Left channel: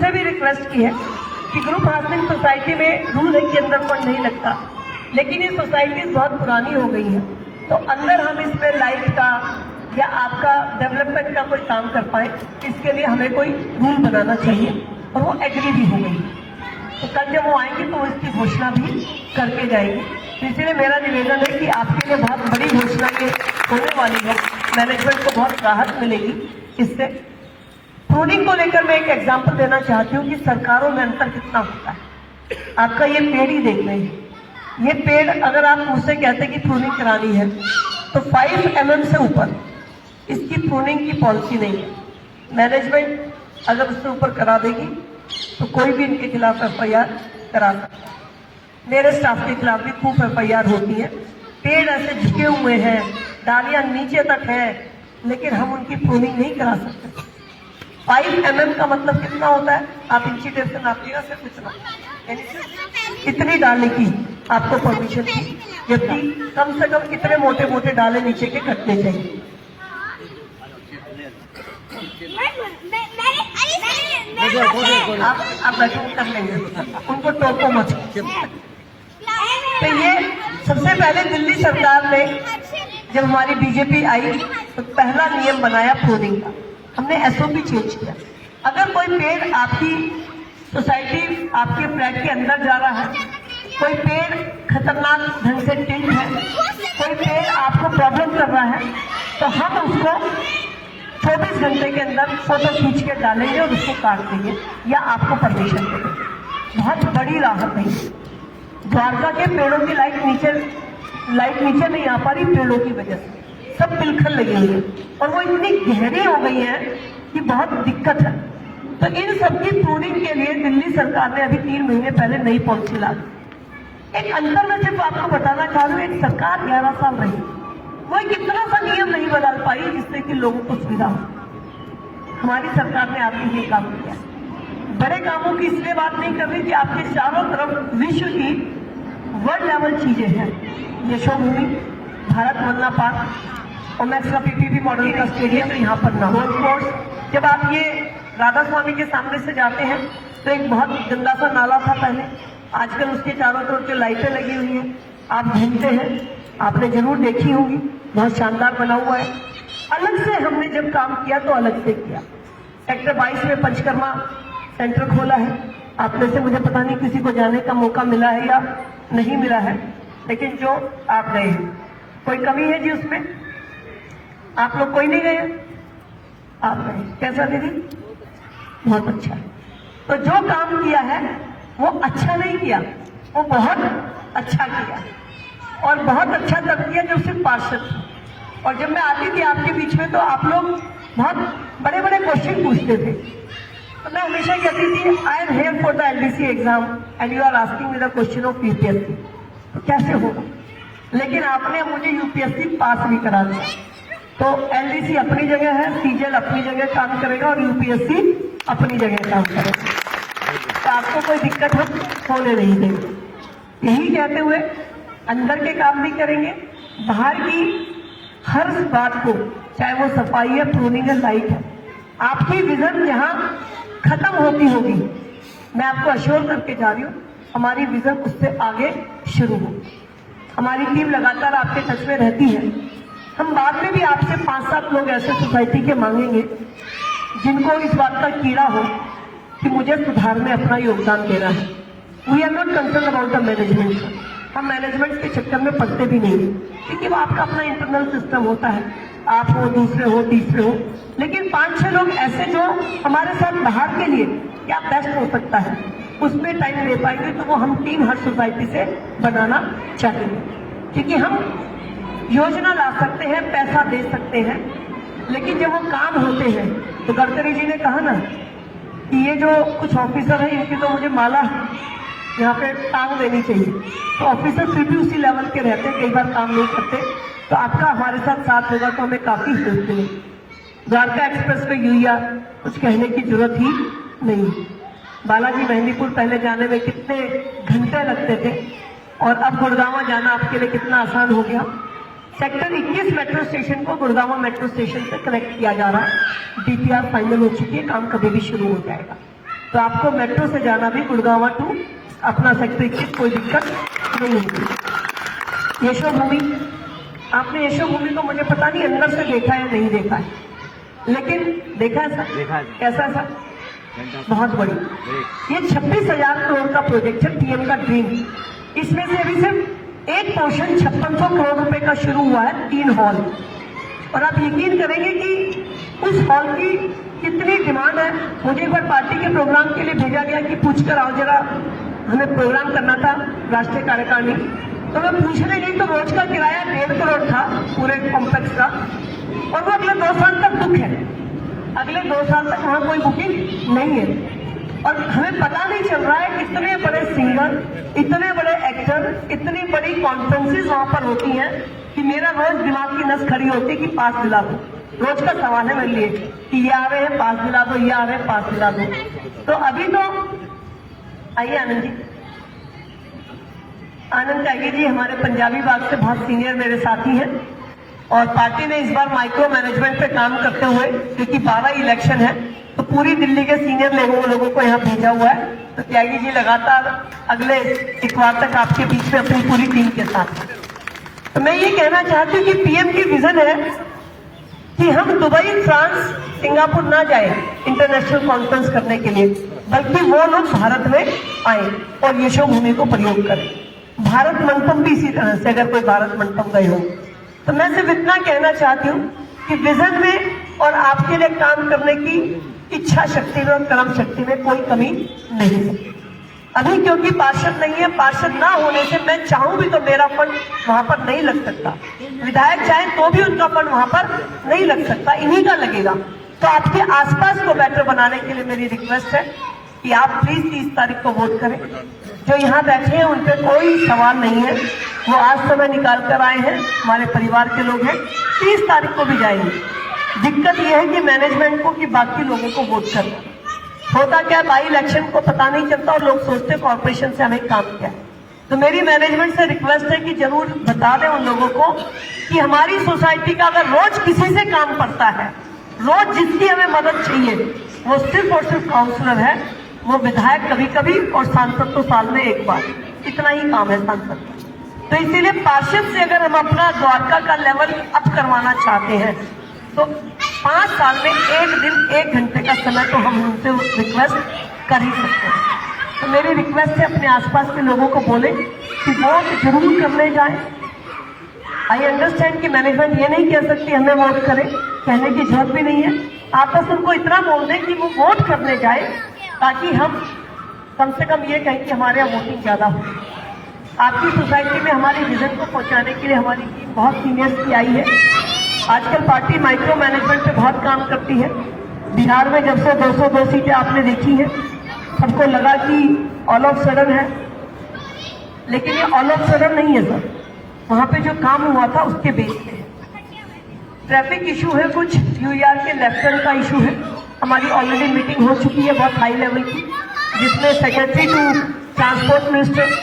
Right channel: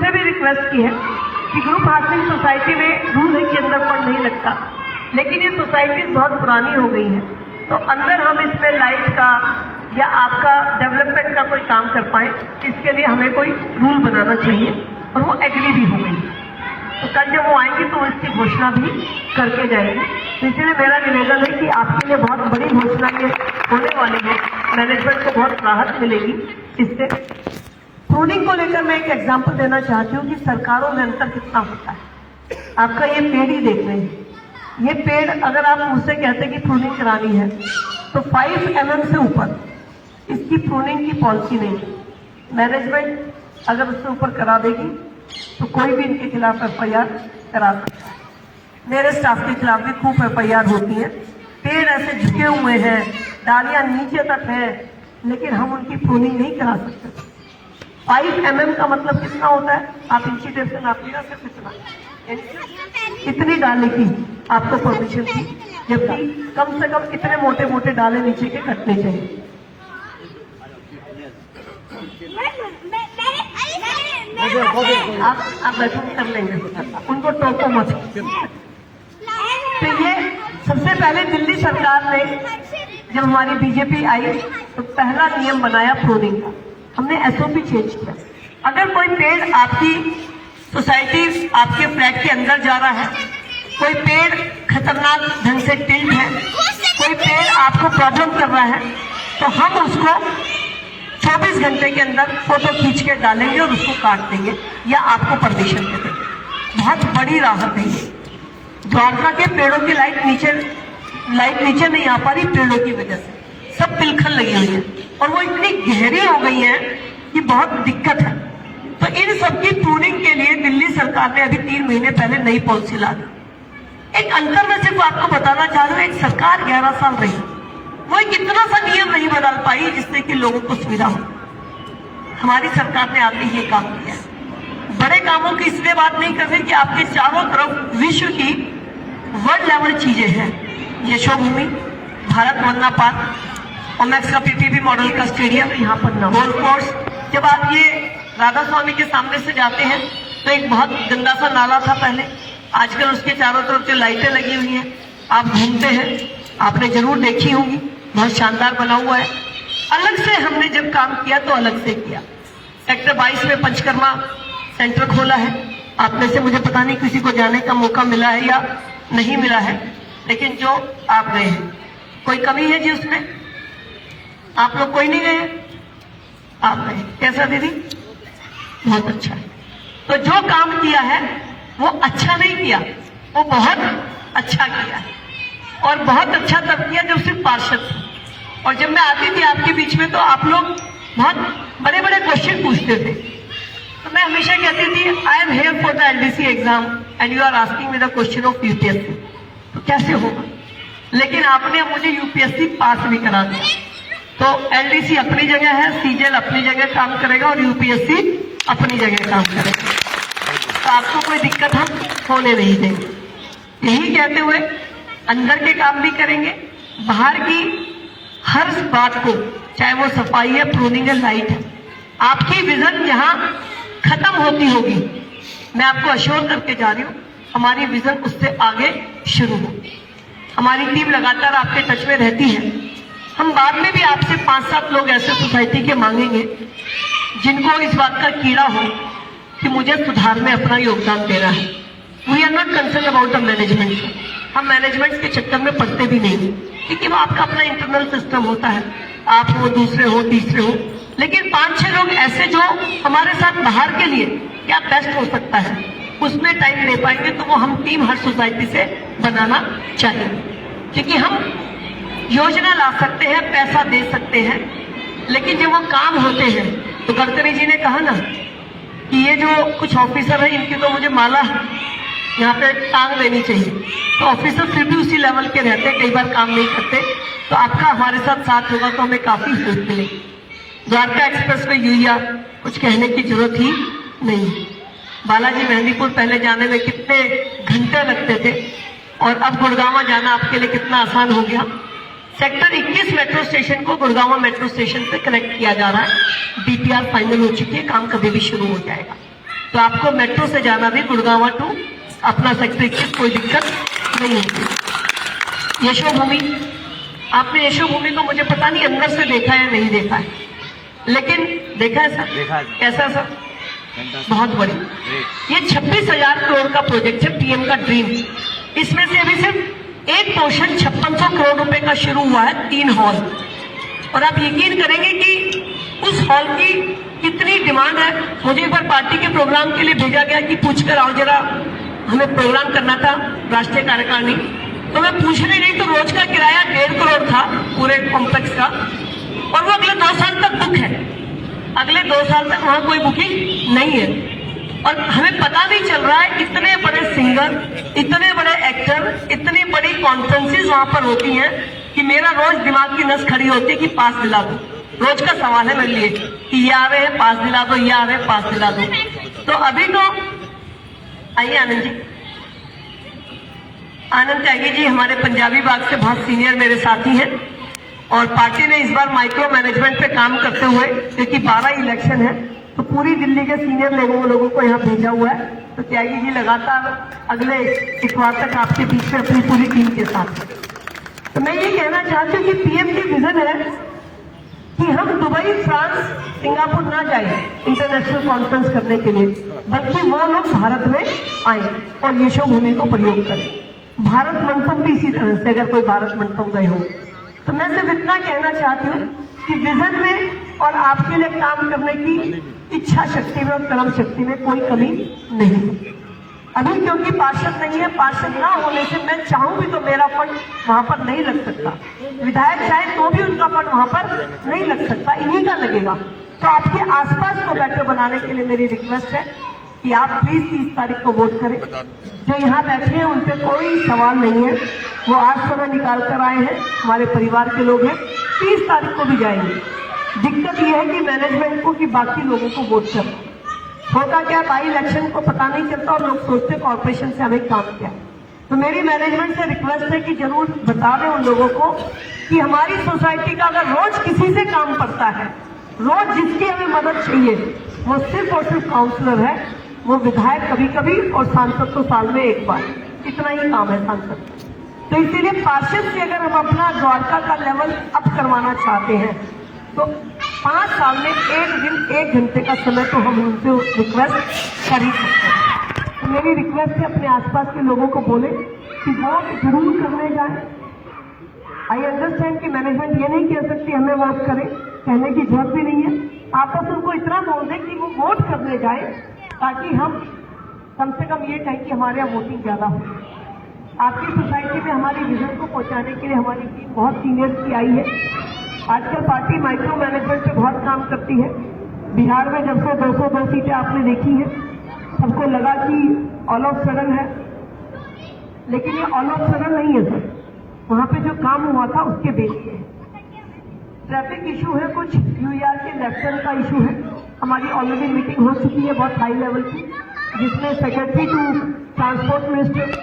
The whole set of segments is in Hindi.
उनसे भी रिक्वेस्ट की है कि ग्रुप हाउसिंग सोसाइटी में रूल एक के अंदर पर नहीं लगता, लेकिन ये सोसाइटी बहुत पुरानी हो गई है, तो अंदर हम इसमें लाइट का या आपका डेवलपमेंट का कोई काम कर पाए, इसके लिए हमें कोई रूल बनाना चाहिए। और वो एग्री भी हो गई। तो कल जब वो आएंगे तो इसकी घोषणा भी करके जाएंगे। तो इसलिए मेरा निवेदन है कि आपके लिए बहुत बड़ी घोषणा ये होने वाली है, मैनेजमेंट को बहुत राहत मिलेगी इससे। प्रूनिंग को लेकर मैं एक एग्जाम्पल देना चाहती हूँ कि सरकारों में अंतर कितना होता है। आपका ये पेड़ ही देख रहे हैं, ये पेड़ अगर आप मुझसे कहते कि प्रूनिंग करानी है तो 5 mm से ऊपर इसकी प्रूनिंग की पॉलिसी नहीं है। मैनेजमेंट अगर उससे ऊपर करा देगी तो कोई भी इनके खिलाफ FIR करा सकता है। मेरे स्टाफ के खिलाफ भी खूब FIR होती है। पेड़ ऐसे झुके हुए हैं, डालियां नीचे तक है, लेकिन हम उनकी प्रूनिंग नहीं करा सकते। 5 mm का मतलब कितना होता है? आप इंची टेप से नापिएगा, सिर्फ इतना, यानी इतनी डाले की आपको परमिशन की, जबकि कम से कम इतने मोटे मोटे डाले नीचे के कटने चाहिए। आप बैठक कर लेंगे, उनको टोको मत। तो ये सबसे पहले दिल्ली सरकार ने जब हमारी बीजेपी आई तो पहला नियम बनाया प्रूनिंग का। हमने SOP चेंज किया। अगर कोई पेड़ आपकी सोसाइटी आपके फ्लैट के अंदर जा रहा है, कोई पेड़ खतरनाक ढंग से टिल्ट है, कोई पेड़ आपको प्रॉब्लम कर रहा है, तो हम उसको 24 घंटे के अंदर फोटो खींच के डालेंगे और उसको काट देंगे या आपको परमिशन दे देंगे। बहुत बड़ी राहत है। द्वारका के पेड़ों की लाइट नीचे नहीं आ पा रही पेड़ों की वजह से, सब पिलखन लगी हुई है और वो इतनी गहरी हो गई है कि बहुत दिक्कत है। तो इन सबकी प्रूनिंग के लिए दिल्ली सरकार ने अभी 3 महीने पहले नई पॉलिसी ला दी। एक अंतर मैं सिर्फ आपको बताना चाह रही हूँ, एक सरकार 11 साल रही, वो कितना सा नियम नहीं बदल पाई जिससे कि लोगों को सुविधा हो। हमारी सरकार ने आगे ये काम किया। बड़े कामों की इसलिए बात नहीं कर रहे कि आपके चारों तरफ विश्व की वर्ल्ड लेवल चीजें हैं। यशोभूमि, भारत वंदना पार्क, ओमैक्स का PPP मॉडल का स्टेडियम, यहाँ पर गोल्फ कोर्स। जब आप ये राधा स्वामी के सामने से जाते हैं तो एक बहुत गंदा सा नाला था पहले, आजकल उसके चारों तरफ जो लाइटें लगी हुई हैं, आप घूमते हैं, आपने जरूर देखी होंगी, बहुत शानदार बना हुआ है। अलग से हमने जब काम किया तो अलग से किया। सेक्टर 22 में पंचकर्मा सेंटर खोला है। आप में से मुझे पता नहीं किसी को जाने का मौका मिला है या नहीं मिला है, लेकिन जो आप गए हैं, कोई कमी है जी उसमें? आप लोग कोई नहीं गए? आप गए। कैसा दीदी? बहुत अच्छा है। तो जो काम किया है वो अच्छा नहीं किया, वो बहुत अच्छा किया है। और बहुत अच्छा तब किया जब सिर्फ पार्षद थे। और जब मैं आती थी आपके बीच में तो आप लोग बहुत बड़े बड़े क्वेश्चन पूछते थे, तो मैं हमेशा कहती थी I am here for the LDC exam and you are asking me the question of UPSC। तो कैसे होगा? लेकिन आपने मुझे UPSC पास भी करा दिया। तो LDC अपनी जगह है, CGL अपनी जगह काम करेगा और UPSC अपनी जगह काम करेगा। तो आपको कोई दिक्कत हम होने नहीं देंगे। यही कहते हुए अंदर के काम भी करेंगे, बाहर की हर बात को, चाहे वो सफाई है, प्रूनिंग है, लाइट है, आपकी विजन जहां खत्म होती होगी, मैं आपको अश्योर करके जा रही हूँ, हमारी विजन उससे आगे शुरू होगी। हमारी टीम लगातार आपके टच में रहती है। हम बाद में भी आपसे 5-7 लोग ऐसे सोसाइटी के मांगेंगे जिनको इस बात का कीड़ा हो कि मुझे सुधार में अपना योगदान देना है। We are not concern about the management. हम मैनेजमेंट के चक्कर में पड़ते भी नहीं, क्योंकि वो आपका अपना इंटरनल सिस्टम होता है, आप हो, दूसरे हो, तीसरे हो। लेकिन 5-6 लोग ऐसे जो हमारे साथ बाहर के लिए क्या बेस्ट हो सकता है उसमें टाइम दे पाएंगे, तो वो हम टीम हर सोसाइटी से बनाना चाहिए। क्योंकि हम योजना ला सकते हैं, पैसा दे सकते हैं, लेकिन जब वो काम होते हैं तो गडकरी जी ने कहा ना कि ये जो कुछ ऑफिसर है इनकी तो मुझे माला यहाँ पे टांग देनी चाहिए। तो ऑफिसर फिर भी उसी लेवल के रहते हैं, कई बार काम नहीं करते। तो आपका हमारे साथ होगा तो हमें काफी हेल्प मिलेगी। द्वारका एक्सप्रेस में यूरिया कुछ कहने की जरूरत ही नहीं। बालाजी मेहंदीपुर पहले जाने में कितने घंटे लगते थे और अब गुड़गांव जाना आपके लिए कितना आसान हो गया। सेक्टर 21 मेट्रो स्टेशन को गुड़गांव मेट्रो स्टेशन से कनेक्ट किया जा रहा है। DPR फाइनल हो चुकी है, काम कभी भी शुरू हो जाएगा। तो आपको मेट्रो से जाना भी गुड़गांव टू अपना सेक्रेटरी कोई दिक्कत नहीं होगी। यशोभूमि, आपने यशोभूमि को मुझे पता नहीं अंदर से देखा है नहीं देखा है, लेकिन देखा है सर? देखा है सर। कैसा सर? बहुत बड़ी। ये 26,000 करोड़ का प्रोजेक्ट है, पीएम का ड्रीम। इसमें से अभी सिर्फ एक पोर्शन 5600 करोड़ रुपए का शुरू हुआ है, 3 हॉल। और आप यकीन करेंगे कि उस हॉल की कितनी डिमांड है। मुझे एक बार पार्टी के प्रोग्राम के लिए भेजा गया कि पूछ कर आओ जरा, हमें प्रोग्राम करना था राष्ट्रीय कार्यकारिणी। तो मैं पूछने गई तो रोज का किराया 1.5 करोड़ था पूरे कॉम्प्लेक्स का, और वो अगले 2 साल तक बुक है। अगले 2 साल तक वहां कोई बुकिंग नहीं है। और हमें पता नहीं चल रहा है इतने बड़े सिंगर, इतने बड़े एक्टर, इतनी बड़ी कॉन्फ्रेंसेस वहां पर होती हैं कि मेरा रोज दिमाग की नस खड़ी होती है कि पास दिला दो। रोज का सवाल है मेरे लिए कि ये आ रहे हैं पास दिला दो, ये आ रहे हैं पास दिला दो। तो अभी तो आइए आनंद जी, आनंद त्यागी जी हमारे पंजाबी बाग से बहुत सीनियर मेरे साथी हैं, और पार्टी ने इस बार माइक्रो मैनेजमेंट पे काम करते हुए, क्योंकि 12 इलेक्शन है तो पूरी दिल्ली के सीनियर लोगों को यहाँ भेजा हुआ है। तो त्यागी जी लगातार अगले इतवार तक आपके बीच में अपनी पूरी टीम के साथ हैं। तो मैं ये कहना चाहती हूँ कि पीएम की विजन है कि हम दुबई, फ्रांस, सिंगापुर ना जाए इंटरनेशनल कॉन्फ्रेंस करने के लिए, बल्कि वो लोग भारत में आए और यशोभूमि को प्रयोग करें। भारत मंडपम भी इसी तरह से, अगर कोई भारत मंडपम गए हो तो मैं सिर्फ इतना कहना चाहती हूँ कि विजन में और आपके लिए काम करने की इच्छा शक्ति में और कर्म शक्ति में कोई कमी नहीं है। अभी क्योंकि पार्षद नहीं है, पार्षद ना होने से मैं चाहूं भी तो मेरा फंड वहां पर नहीं लग सकता, विधायक चाहे तो भी उनका फंड वहां पर नहीं लग सकता, इन्हीं का लगेगा। तो आपके आसपास को बेटर बनाने के लिए मेरी रिक्वेस्ट है कि आप प्लीज 30 तारीख को वोट करें। जो यहाँ बैठे हैं उन पर कोई सवाल नहीं है, वो आज समय निकाल कर आए हैं, हमारे परिवार के लोग हैं, 30 तारीख को भी जाएंगे। दिक्कत यह है कि मैनेजमेंट को कि बाकी लोगों को वोट करें। होता क्या, बाई इलेक्शन को पता नहीं चलता और लोग सोचते कॉर्पोरेशन से हमें काम क्या है। तो मेरी मैनेजमेंट से रिक्वेस्ट है कि जरूर बता दें उन लोगों को कि हमारी सोसाइटी का अगर रोज किसी से काम पड़ता है, रोज जिसकी हमें मदद चाहिए, वो सिर्फ और सिर्फ काउंसलर है, वो विधायक कभी कभी और सांसद तो साल में एक बार, इतना ही काम है सांसद। तो इसीलिए पार्षद से अगर हम अपना द्वारका का लेवल अप करवाना चाहते हैं तो 5 साल में 1 दिन 1 घंटे का समय तो हम उनसे रिक्वेस्ट कर ही सकते हैं। तो मेरी रिक्वेस्ट है अपने आसपास के लोगों को बोले कि वोट जरूर करने जाए। आई अंडरस्टैंड कि मैनेजमेंट ये नहीं कह सकती हमें वोट करें, कहने की जरूरत भी नहीं है। आप बस उनको इतना बोल दें कि वो वोट करने जाए, ताकि हम कम से कम ये कहें कि हमारे यहाँ वोटिंग ज्यादा हो। आपकी सोसाइटी में हमारी विजन को पहुंचाने के लिए हमारी टीम बहुत सीनियर्स की आई है। आजकल पार्टी माइक्रो मैनेजमेंट पे बहुत काम करती है। बिहार में जब से 202 सीटें आपने देखी है, सबको लगा कि ऑल ऑफ सडन है, लेकिन ये ऑल ऑफ सडन नहीं है सर। वहां पे जो काम हुआ था उसके बेस पे ट्रैफिक इशू है, कुछ यूआर के लेफ्टिनेंट का इशू है। हमारी ऑलरेडी मीटिंग हो चुकी है बहुत हाई लेवल की, जिसमें सेक्रेटरी टू ट्रांसपोर्ट मिनिस्टर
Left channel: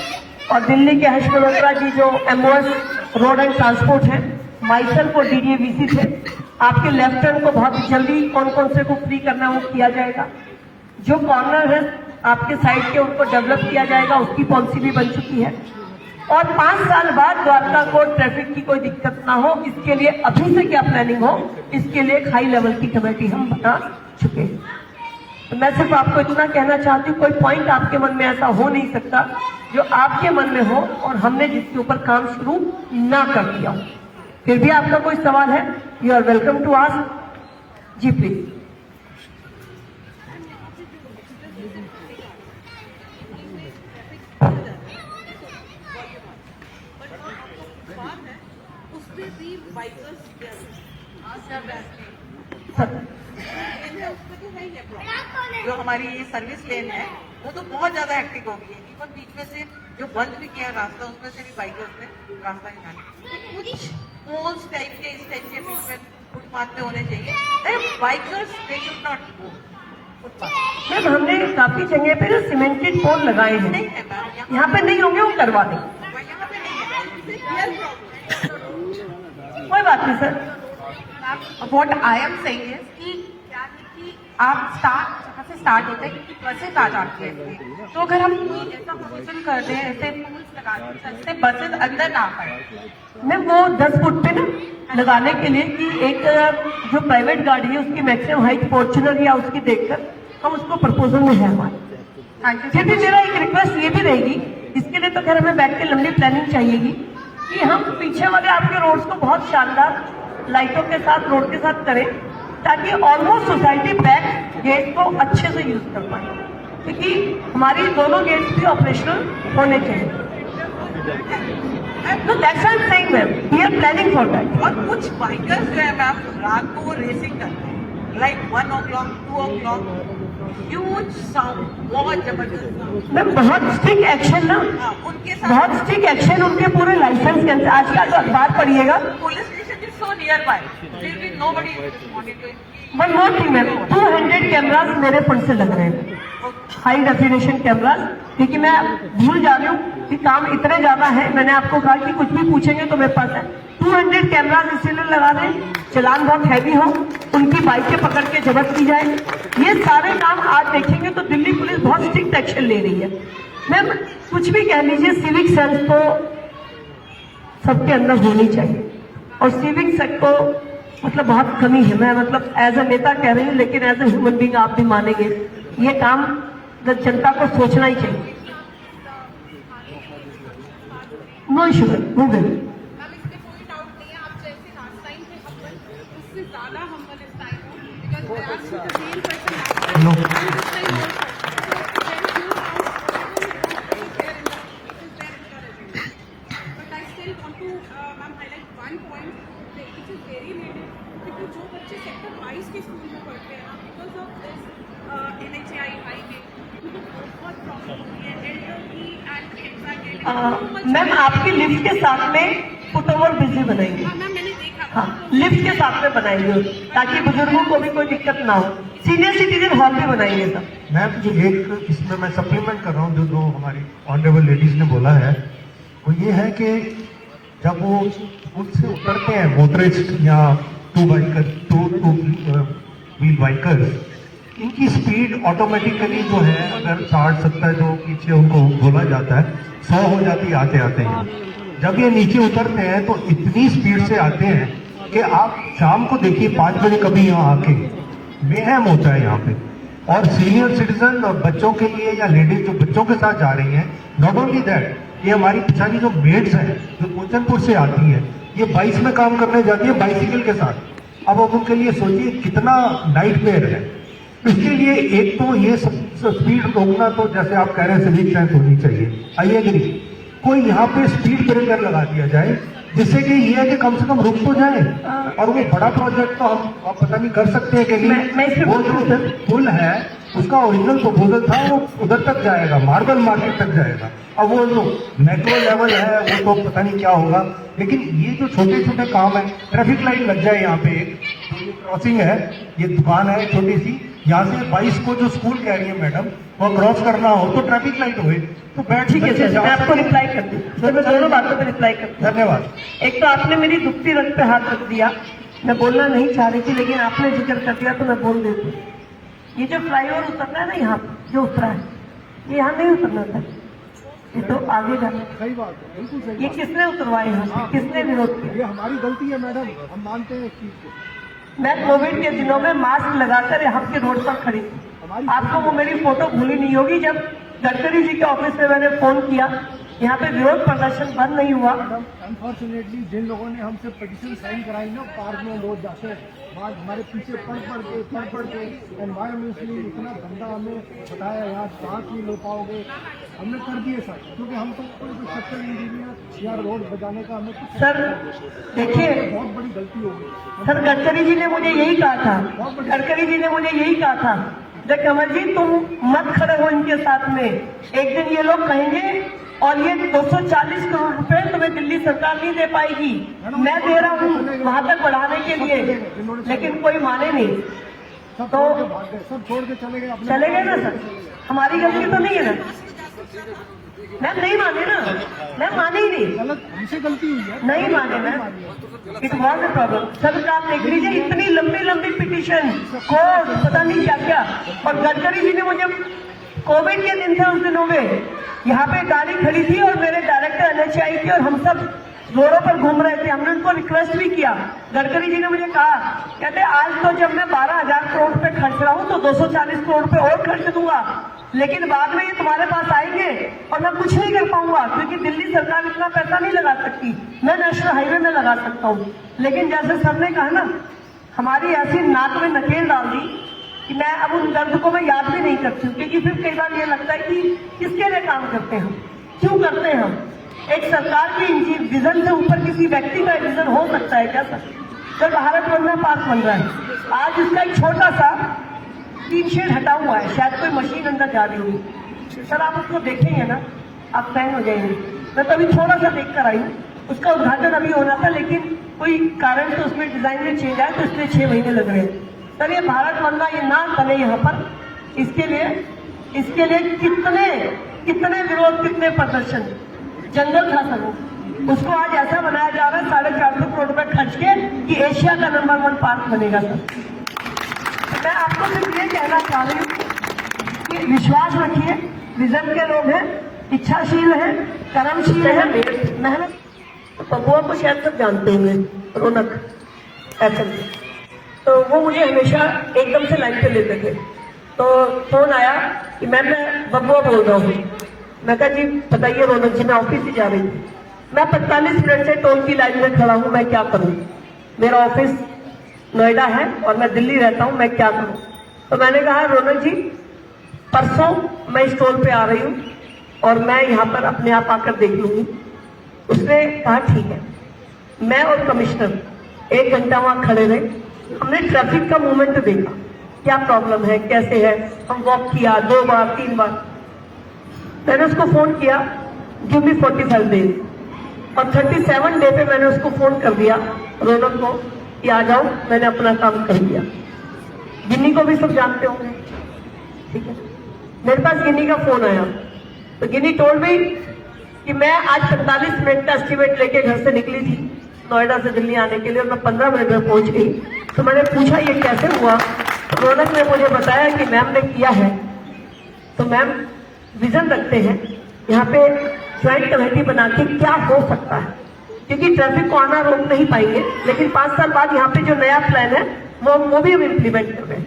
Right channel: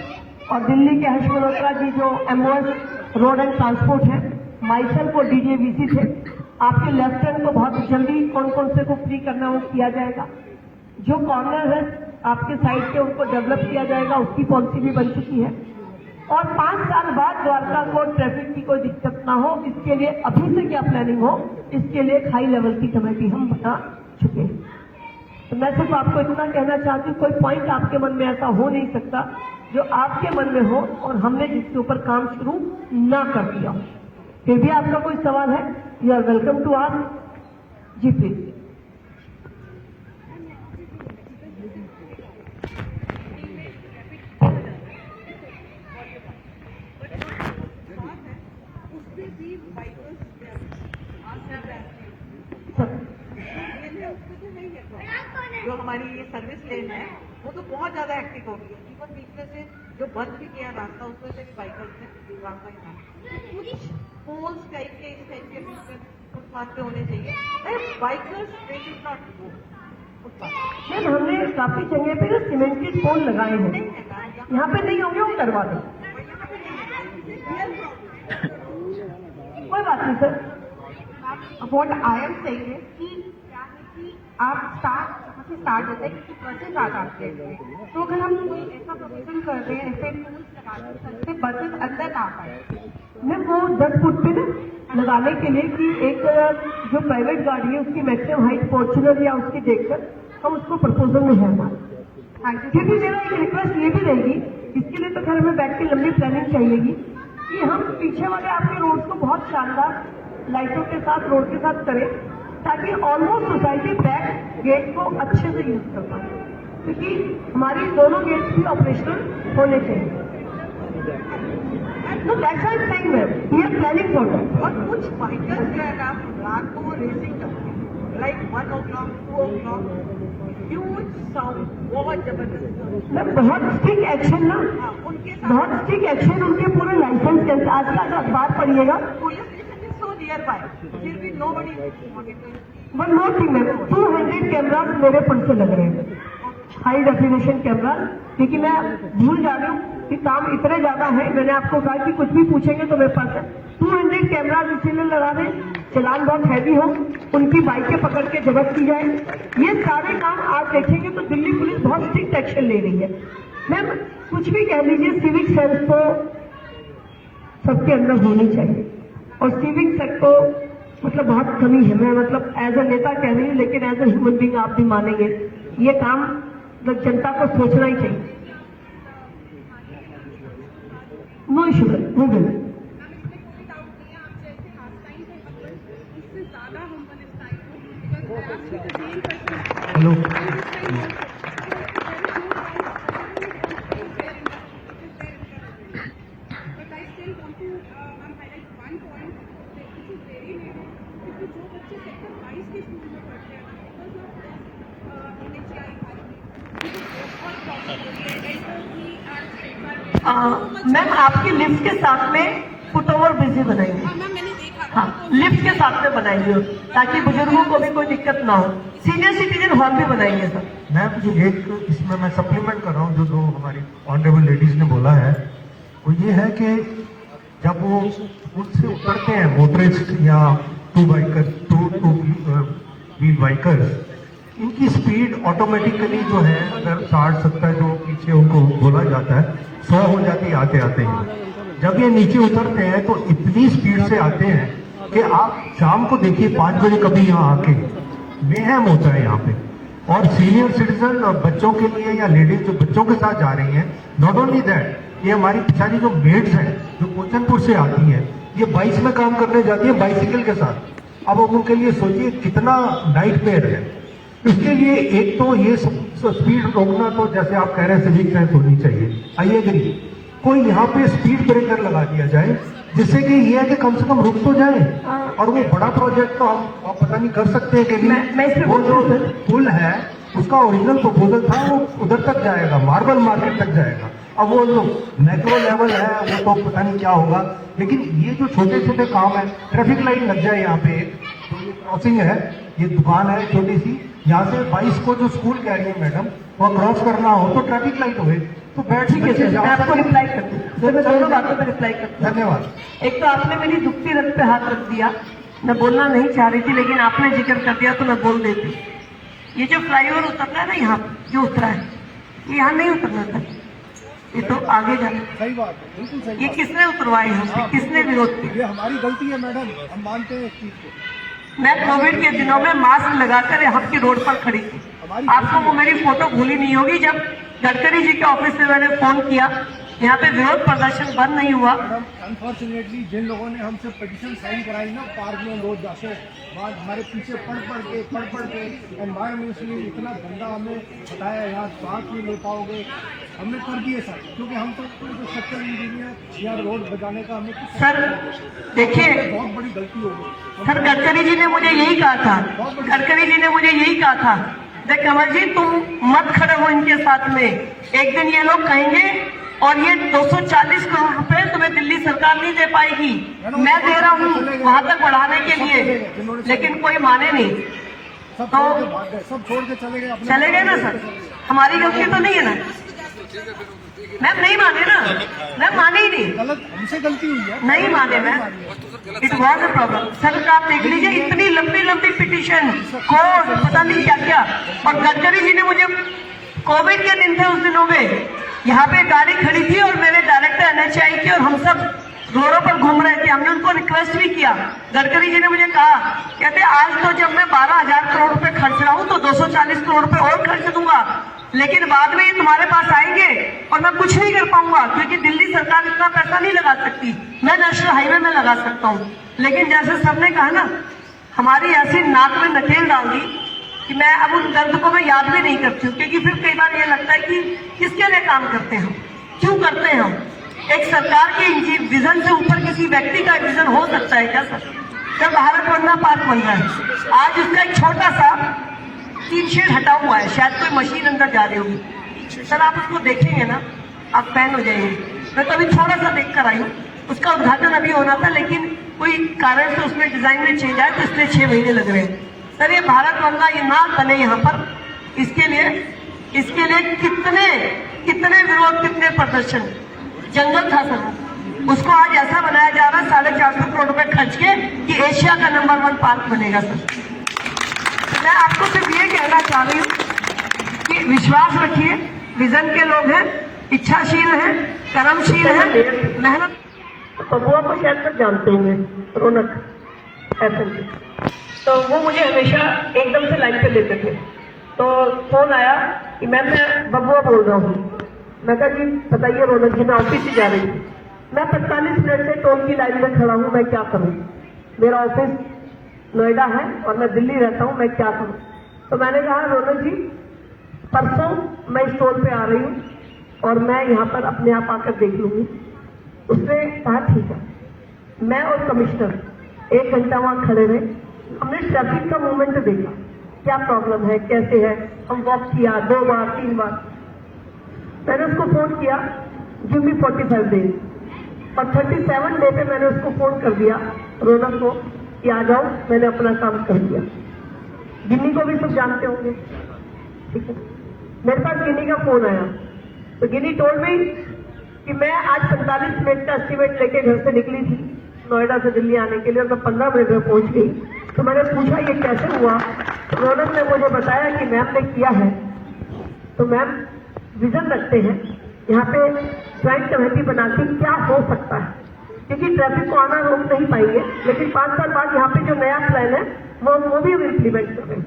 और दिल्ली के हर्ष मल्होत्रा जी जो एमओएस रोड एंड ट्रांसपोर्ट है, माइसल को डीडीवीसी थे। आपके लेफ्टिनेंट को बहुत जल्दी कौन कौन से को फ्री करना वो किया जाएगा। जो कॉर्नर है आपके साइड के उनको डेवलप किया जाएगा, उसकी पॉलिसी भी बन चुकी है। और 5 साल बाद द्वारका को ट्रैफिक की कोई दिक्कत ना हो, इसके लिए अभी से क्या प्लानिंग हो, इसके लिए एक हाई लेवल की कमेटी हम बना चुके हैं। तो मैं सिर्फ आपको इतना कहना चाहती हूँ, कोई पॉइंट आपके मन में ऐसा हो नहीं सकता जो आपके मन में हो और हमने जिसके ऊपर काम शुरू ना कर दिया हो। फिर भी आपका कोई सवाल है, you are welcome to ask जी प्लीज। जो हमारी ये सर्विस लेन है वो तो बहुत ज्यादा एक्टिव हो गई है। इवन बीच में से जो बंद भी किया रास्ता, उसमें से भी बाइकर्स ने रास्ता निकाला। तो कुछ पोल्स टाइप के इस टाइप के बीच में फुटपाथ पे होने चाहिए। Bikers they should not go footpath. Ma'am हमने काफी जगह पे सीमेंटेड पोल लगाए हैं, नहीं है मैम, यहाँ पे नहीं होंगे, वो करवा दें, यहाँ पे नहीं है। कोई बात नहीं sir. What I am saying is कि आप स्टाफ से स्टार्ट होता है क्योंकि बसेस आ जाती है इसमें। तो अगर हम कोई ऐसा प्रोविजन कर रहे हैं, ऐसे रूल्स लगा रहे हैं जिससे बसेस अंदर ना पाए। मैम वो 10 फुट पे ना लगाने के लिए कि एक जो प्राइवेट गाड़ी है उसकी मैक्सिमम हाइट फॉर्च्यूनर या उसकी देखकर हम उसको प्रपोजल में है हमारे। Thank you. फिर भी मेरा एक रिक्वेस्ट ये भी रहेगी, इसके लिए तो खैर हमें बैठ के लंबी प्लानिंग चाहिएगी कि हम पीछे वाले आपके रोड्स को बहुत शानदार लाइटों के साथ रोड के साथ करें ताकि ऑलमोस्ट सोसाइटी बैक गेट को अच्छे से यूज कर पाए, क्योंकि हमारी दोनों गेट्स भी ऑपरेशनल होने चाहिए। तो that's why I am saying ma'am we are planning for that. और कुछ बाइकर्स जो है मैम रात को वो रेसिंग करते हैं, like 1 o'clock 2 o'clock, huge sound, बहुत जबरदस्त साउंड। मैम बहुत स्ट्रिक्ट एक्शन ना, उनके साथ बहुत स्ट्रिक्ट एक्शन उनके पूरे लाइसेंस के अंदर। आज का जो अखबार पढ़िएगा, police station is so near by, फिर भी nobody is monitoring. One more thing ma'am, 200 cameras मेरे फंड से लग रहे हैं, हाई डेफिनेशन कैमरास, क्योंकि मैं भूल जा रही हूँ कि काम इतने ज्यादा है। मैंने आपको कहा कि कुछ भी पूछेंगे तो मेरे पास है। 200 कैमरास इसीलिए लगा दें, चलान बहुत हैवी हो, उनकी बाइकें पकड़ के जब्त की जाए। ये सारे काम आज देखेंगे तो दिल्ली पुलिस बहुत स्ट्रिक्ट एक्शन ले रही है। मैम कुछ भी कह लीजिए, सिविक सेंस तो सबके अंदर होनी चाहिए, और सिविक सेंस को मतलब बहुत कमी है। मैं मतलब एज ए नेता कह रही हूँ, लेकिन एज ए ह्यूमन बीइंग आप भी मानेंगे ये काम जनता को सोचना ही चाहिए। नो इशू, वो भी मैम आपकी लिफ्ट के साथ में फुट ओवर बिजली बनाएंगे। हाँ, लिफ्ट के साथ में बनाएंगे ताकि बुजुर्गों को भी कोई दिक्कत ना हो। सीनियर सिटीजन हॉल भी बनाएंगे सर। मैम जी एक इसमें मैं सप्लीमेंट कर रहा हूँ, जो दो हमारी ऑनरेबल लेडीज ने बोला है वो ये है कि जब वो उससे उतरते हैं मोटरिस्ट या टू व्हील बाइकर्स, इनकी स्पीड ऑटोमेटिकली जो है अगर 60-70 जो पीछे उनको बोला जाता है 100 हो जाती है आते आते हैं। जब ये नीचे उतरते हैं तो इतनी स्पीड से आते हैं कि आप शाम को देखिए 5 बजे कभी यहाँ आके बेहम होता है यहाँ पे। और सीनियर सिटीजन और बच्चों के लिए या लेडीज जो बच्चों के साथ जा रही हैं, नॉट ओनली दैट, ये हमारी पिछाड़ी जो मेड्स हैं जो कोचनपुर से आती हैं, ये 22 में काम करने जाती है बाइसिकल के साथ। अब उनके लिए सोचिए कितना नाइटमेयर है। इसके लिए एक तो ये स्पीड रोकना, तो जैसे आप कह रहे हैं सिविक सेंस होनी चाहिए, आई एग्री। कोई यहाँ पे स्पीड ब्रेकर लगा दिया जाए जिससे कि ये है कि कम से कम रुक तो जाए। और वो बड़ा प्रोजेक्ट तो हम आप पता नहीं कर सकते हैं कि नहीं। वो जो पुल है उसका ओरिजिनल प्रपोजल था वो उधर तक जाएगा, मार्बल मार्केट तक जाएगा। अब वो जो मैक्रो लेवल है वो तो पता नहीं क्या होगा, लेकिन ये जो छोटे छोटे काम है, ट्रैफिक लाइट लग जाए यहाँ पे, जो ये क्रॉसिंग है, ये दुकान है छोटी सी, यहाँ से 22 को जो स्कूल कह रही है मैडम, वो क्रॉस करना हो तो ट्रैफिक लाइट हुए तो बैठ ठीक है सर, मैं आपको रिप्लाई करती हूँ। मैं दोनों बातों पर रिप्लाई करती हूँ। धन्यवाद। एक तो आपने मेरी दुखती रथ पे हाथ रख दिया, मैं बोलना नहीं चाह रही थी लेकिन आपने जिक्र कर दिया तो मैं बोल देती। ये जो फ्लाईओवर उतरना है ना, यहाँ जो उतरा है, ये यहाँ नहीं उतरना था, ये तो आगे जाना। सही बात है, बिल्कुल सही। ये किसने उतरवाए हैं, किसने विरोध किया? ये हमारी गलती है मैडम, हम मानते हैं इस चीज को। मैं कोविड के दिनों में मास्क लगाकर यहाँ की रोड पर खड़ी थी। आपको वो मेरी फोटो भूली नहीं होगी, जब गडकरी जी के ऑफिस से मैंने फोन किया, यहाँ पे विरोध प्रदर्शन बंद नहीं हुआ। मैडम अनफॉर्चुनेटली जिन लोगों ने हमसे पिटीशन साइन कराई ना, पार्क में रोज जाके बाद हमारे पीछे पढ़ के एनवायरमेंटली इतना गंदा हमें बताया, यहाँ सांस नहीं ले पाओगे, हमने कर दिए सर, क्योंकि हम तो कोई स्ट्रक्चरल इंजीनियर या रोड बजाने का हमें कुछ सर देखिए, बहुत बड़ी गलती हो गई सर। गडकरी जी ने मुझे यही कहा था, गडकरी जी ने मुझे यही कहा था, देख कमल जी तुम मत खड़े हो इनके साथ में, एक दिन ये लोग कहेंगे और ये 240 करोड़ रुपए तुम्हें दिल्ली सरकार नहीं दे पाएगी, मैं दे रहा हूँ वहां तक बढ़ाने के लिए, लेकिन कोई माने नहीं। तो सब छोड़ के चले गए ना सर, हमारी गलती तो नहीं है ना। मैम नहीं माने ना, मैम माने ही नहीं, गलत हमसे गलती हुई है, नहीं माने ma'am, it was a problem. Sir आप देख लीजिए इतनी लंबी लंबी पिटीशन, कोर्ट, पता नहीं क्या क्या। और गडकरी जी ने मुझे, कोविड के दिन थे उस दिनों में, यहाँ पे गाड़ी खड़ी थी और मेरे डायरेक्टर NHAI की और हम सब रोडों पर घूम रहे थे। हमने उनको रिक्वेस्ट भी किया, गडकरी जी ने मुझे कहा, कहते आज तो जब मैं 12,000 करोड़ रुपए खर्च रहा हूँ तो 240 करोड़ रुपए और खर्च दूंगा, लेकिन बाद में ये तुम्हारे पास आएंगे और मैं कुछ नहीं कर पाऊंगा, क्योंकि दिल्ली सरकार इतना पैसा नहीं लगा सकती, मैं नेशनल हाईवे में लगा सकता हूँ। लेकिन जैसे सर ने कहा ना, हमारी ऐसी नाक में नकेल डाल दी कि मैं अब उन दर्द को मैं याद भी नहीं करती हूँ, क्योंकि फिर कई बार ये लगता है कि किसके लिए काम करते हैं हम, क्यों करते हैं हम। एक सरकार के विजन से ऊपर किसी व्यक्ति का विजन हो सकता है क्या सर? जब भारत वंदना पार्क बन रहा है, आज उसका एक छोटा सा 3 शेड हटा हुआ है, शायद कोई मशीन अंदर जा रही होगी। सर आप उसको देखेंगे ना, आप फैन हो जाएंगे। मैं तो अभी थोड़ा सा देख कर आई हूँ, उसका उद्घाटन अभी होना था, लेकिन कोई कारण से उसमें डिजाइन में चेंज आया, तो इसलिए 6 महीने लग रहे हैं। सर ये भारत वंदना ये ना बने यहाँ पर, इसके लिए कितने विरोध, कितने प्रदर्शन, जंगल था सर, उसको आज ऐसा बनाया जा रहा है 450 करोड़ रुपए खर्च के कि एशिया का नंबर 1 पार्क बनेगा। सर मैं आपको सिर्फ ये कहना चाह रही हूँ कि विश्वास रखिए, विजन के लोग हैं, इच्छाशील हैं, कर्मशील हैं, मेहनत। तो वो आपको शायद सब जानते होंगे, रौनक ऐसे, तो वो मुझे हमेशा एकदम से लाइन पे लेते थे। तो फोन आया कि मैं बबुआ बोल रहा हूँ। मैं कहा जी बताइए रौनक जी, मैं ऑफिस ही जा रही थी, मैं 45 मिनट से टोल की लाइन में खड़ा हूँ, मैं क्या करूँ, मेरा ऑफिस नोएडा है और मैं दिल्ली रहता हूँ, मैं क्या करूँ। तो मैंने कहा रौनक जी परसों मैं इस टोल पे आ रही हूँ और मैं यहाँ पर अपने आप आकर देख लूंगी। उसने कहा ठीक है। मैं और कमिश्नर 1 घंटा वहां खड़े रहे, हमने ट्रैफिक का मूवमेंट देखा, क्या प्रॉब्लम है, कैसे है, हम वॉक किया 2 बार 3 बार। मैंने उसको फोन किया, गिव मी 45 डेज, और 37 डे पे मैंने उसको फोन कर दिया रौनक को कि आ जाओ, मैंने अपना काम कर दिया। गिन्नी को भी सब जानते होंगे, ठीक है। मेरे पास गिन्नी का फोन आया, तो गिन्नी टोल में कि मैं आज 45 मिनट का एस्टिमेट लेके घर से निकली थी नोएडा से दिल्ली आने के लिए, और मैं 15 मिनट में पहुंच गई। तो मैंने पूछा ये कैसे हुआ, रौनक ने मुझे बताया कि मैम ने किया है। तो मैम विजन रखते हैं, यहाँ पे ज्वाइंट कमेटी बना के क्या हो सकता है, क्योंकि ट्रैफिक को आना रोक नहीं पाएंगे, लेकिन 5 साल बाद यहाँ पे जो नया प्लान है वो भी हम इम्प्लीमेंट कर रहे हैं।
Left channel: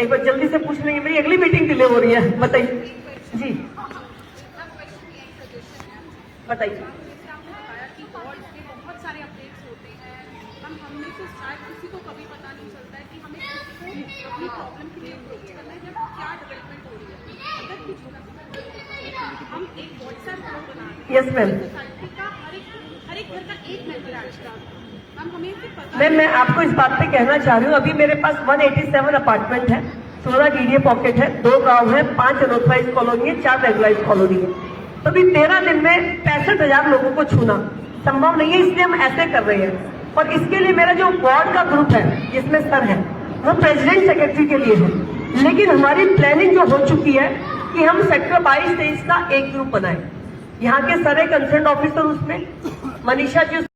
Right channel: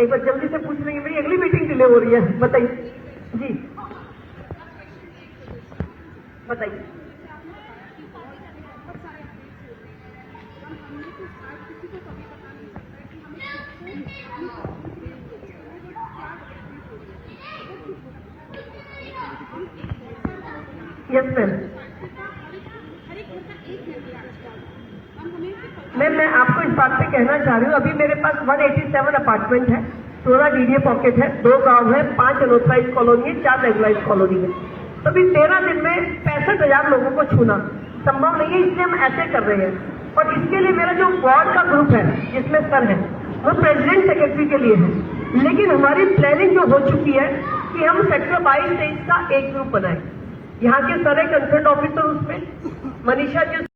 एक बार जल्दी से पूछ लेंगे, मेरी अगली मीटिंग डिले हो रही है, बताइए जी, बताइए। बताया कि वॉर्ड पे बहुत सारे अपडेट्स होते हैं, हमने तो शायद किसी को कभी पता नहीं चलता है कि हमें किसको अपनी प्रॉब्लम क्लियर करना है, जब क्या डेवलपमेंट हो रही है। अगर कुछ होगा हम एक व्हाट्सएप ग्रुप बना रहे हैं, यस मैम, सोसाइटी का हर एक घर का एक मेंबर ऐड करना, हम हमें से पता मैम मैं आपको इस बात पे कहना चाह रही हूँ, अभी मेरे पास 187 अपार्टमेंट है, 14 DDA पॉकेट है, 2 गाँव है, 5 अनऑथराइज कॉलोनी है, 4 रेगुलाइज कॉलोनी है। तो अभी 13 दिन में 65,000 लोगों को छूना संभव नहीं है, इसलिए हम ऐसे कर रहे हैं। और इसके लिए मेरा जो वार्ड का ग्रुप है जिसमें सर है, वो प्रेसिडेंट सेक्रेटरी के लिए है, लेकिन हमारी प्लानिंग जो हो चुकी है कि हम सेक्टर 22-23 का एक ग्रुप बनाए। यहाँ के सर है कंसर्न ऑफिसर, उसमें मनीषा जो